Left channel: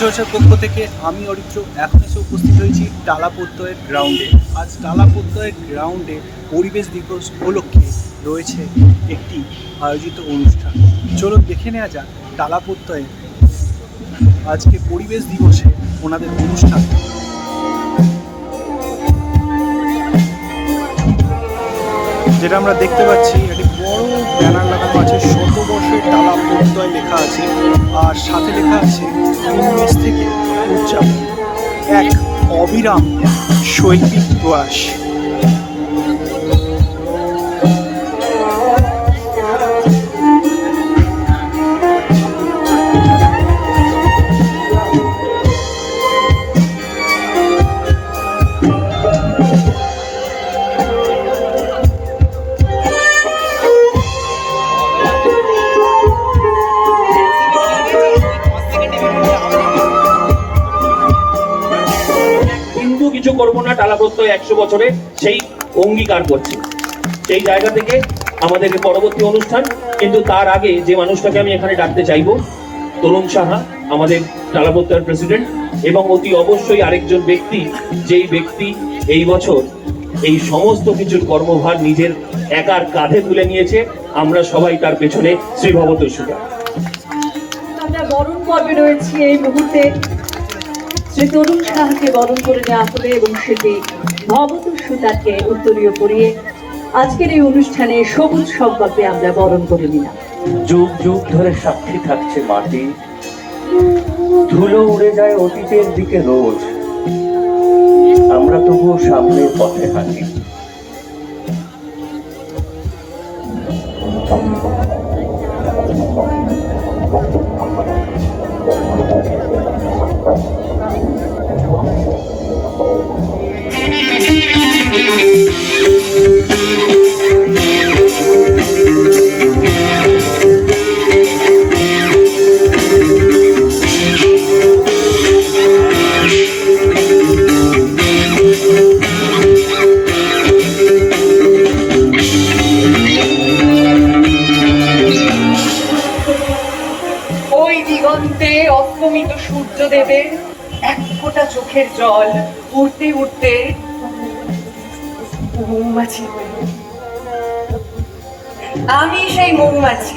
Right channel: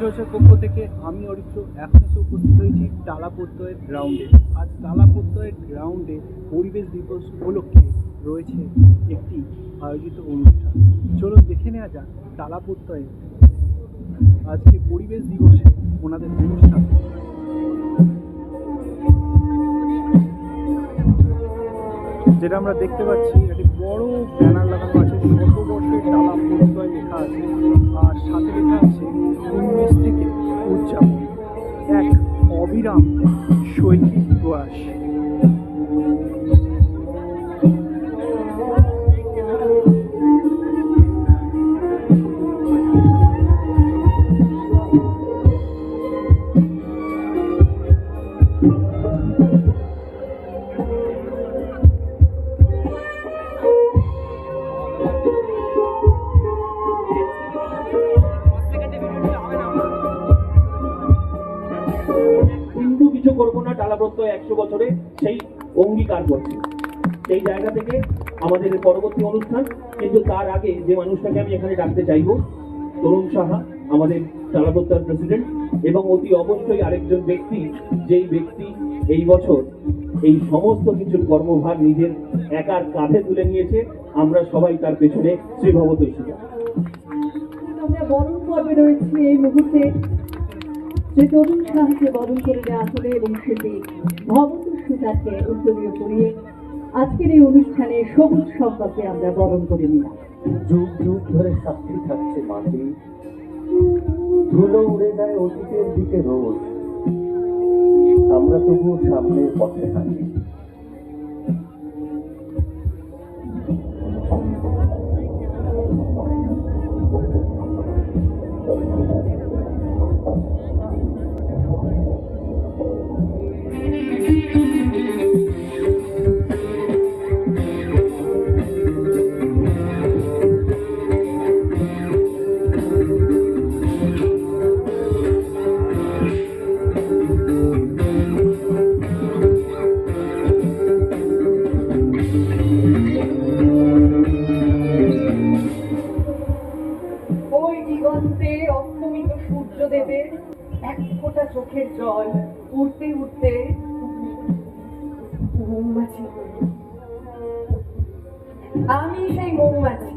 চর্চার পক্ষ থেকে আমি অরিত্র, এখন এসে উপস্থিত হয়েছি টালা প্রত্যয়ের গ্রাউন্ডে আজ টালা প্রত্যয়ের গ্রাউন্ডে পরিবেশ দিবস উপলক্ষে রয়েছে একটি আয়োজিত অনুষ্ঠান। চলুন দেখে নেওয়া যাক টালা আজকে পরিবেশ দিবসে ওনাদের অনুষ্ঠান। যেটা আমরা দেখতে পাচ্ছি, একটি বড় ব্যানার লাগানো আছে শত বর্ষের টালা প্রত্যয় লেখা আছে আর সাথে লেখা আছে ইংলিশ থেকে উদযাপন। এক অবিরাম শৈল্পিক প্রয়াস। কিছু করব না টালাপ্রত্যয় একশো বছরে সেই অঙ্গীকার করছি। সেই জায়গা থেকে আমাদের পরবর্তী অনুষ্ঠান, কিন্তু তার আগে যে মানুষটাকে আমি এখানে ডাকতে চাইব, তরুণ সাহা, আমাদের টালা প্রেসিডেন্ট, এবং অতি অবশ্যই আরেকজন ব্যক্তি, যেই ব্যক্তি এই বছর এই সমস্ত কিছুর কর্মভার নিজের একার কাঁধে তুলে নিয়েছে, আমরা সবাই তার পেছনে শ্রী সুগা আমরা বরণ পর্বে রয়েছি এই মুহূর্তে। শ্রী তরুণ সাহাকে বরণ করে নেওয়া হলে এবং সেটি ভবত সুতাকে উত্তরীয় করিয়ে আজকের এই অনুষ্ঠানে সবুজ সংকল্পে আমরা বরণ করে নিলাম। যুগ যুগ ধরে সাক্ষী থাকছে মাটি। ধুলো উড়ে যায় অতীতের দিকে রোজ। আমরা তবুও সামনের পথে হাঁটি। দিগন্তে অস্তমিত সূর্যদেবের এক ফোঁটা চোখের জল উঠতে উঠতে মৌমাছি হয়ে আমি সেই মৌমাছি।